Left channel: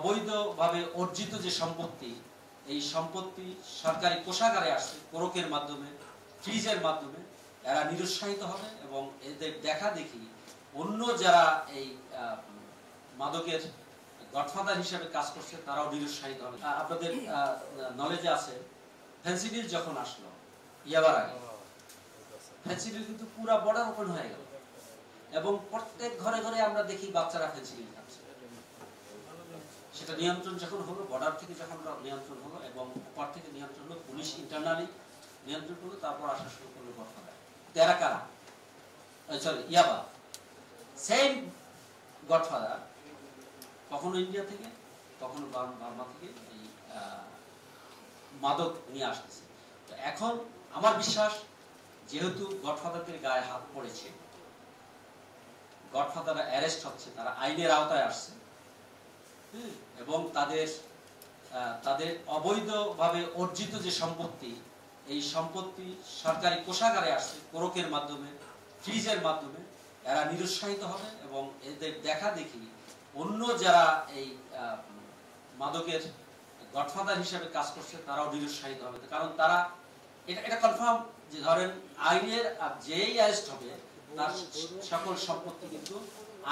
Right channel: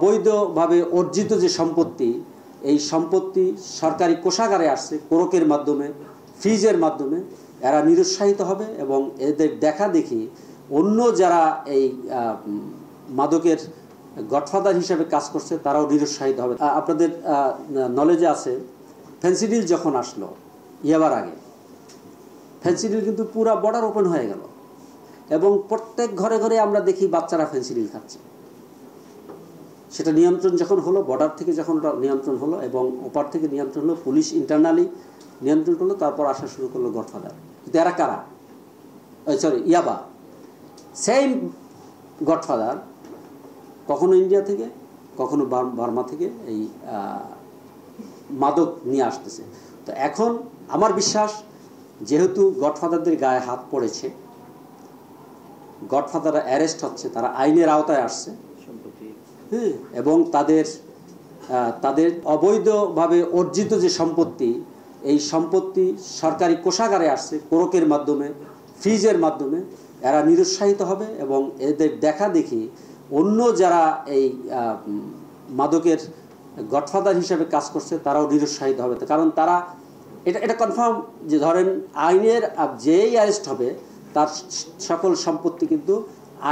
অবৈধভাবে অর্জিত যে সম্পত্তি, এই সম্পত্তি সরকারি কোষাগারে আসছে কোরকের মাধ্যমে, ফ্রিজের মাধ্যমে, এরা নিরুৎসাহিত হবে এবং এদের দেখা দেখি অন্য যারা এই মাদকের গডফাদার হিসেবে কাজ করছে তারাও নিরুৎসাহিত হবে। আপনাদের নলেজে আছে ফেন্সিডিল যখন আসলো ইয়াবার আগে, ফেন্সিডিল কিন্তু পুরো বর্ডার ওপেন হয়ে গেল এবং প্রত্যেক ঘরে ঘরে আমরা দেখি বাচ্চারা ফেন্সিডিল খাচ্ছে। সেটা নিয়ন্ত্রণ যখন হলো, বর্ডার থেকে যখন নিয়ন্ত্রণ হলো এবং ওপার থেকে নিয়ন্ত্রণ হলো, পুলিশ ইন্টারনালি নিয়ন্ত্রণ করলো, তারপর আসা শুরু করলো গডফাদার। কিন্তু এরা কারা? ইয়াবা সেম গডফাদার, কখনো ইন্ডিয়া থেকে কখনো বার্মা থেকে এই মাদক নিয়ে আসতেছে। তো এখন আমার বিশ্বাস, যেহেতু গডফাদারদের গায়ে হাত পড়েছে, গডফাদাররা অ্যারেস্ট হচ্ছে, তারা আইনের আওতায় আসছে, হ্যাঁ, এবং তাদের অবৈধভাবে অর্জিত যে সম্পত্তি, এই সম্পত্তি সরকারি কোষাগারে আসছে কোরকের মাধ্যমে, ফ্রিজের মাধ্যমে, এরা নিরুৎসাহিত হবে এবং এদের দেখা দেখি অন্য যারা এই মাদকের গডফাদার হিসেবে কাজ করছে তারাও নিরুৎসাহিত হবে। কারণ তারা এটা কনফার্ম যে ধরেন আইনের যেই অ্যারেস্ট হবে তার সকল সম্পত্তি কিন্তু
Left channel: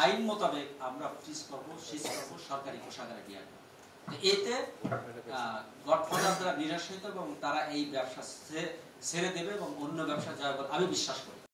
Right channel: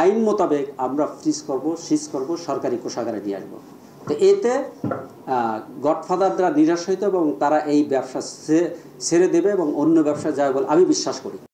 আইন মোতাবেক আমরা সিজ করব, সরকারি কোষাগারে নিয়ে আসবো। তো এতে গডফাদাররা নিরুৎসাহিত এবং তারা এই ব্যবসা ছেড়ে দেবে এবং অন্য ব্যবসা যাবে বলে আমি বিশ্বাস করি।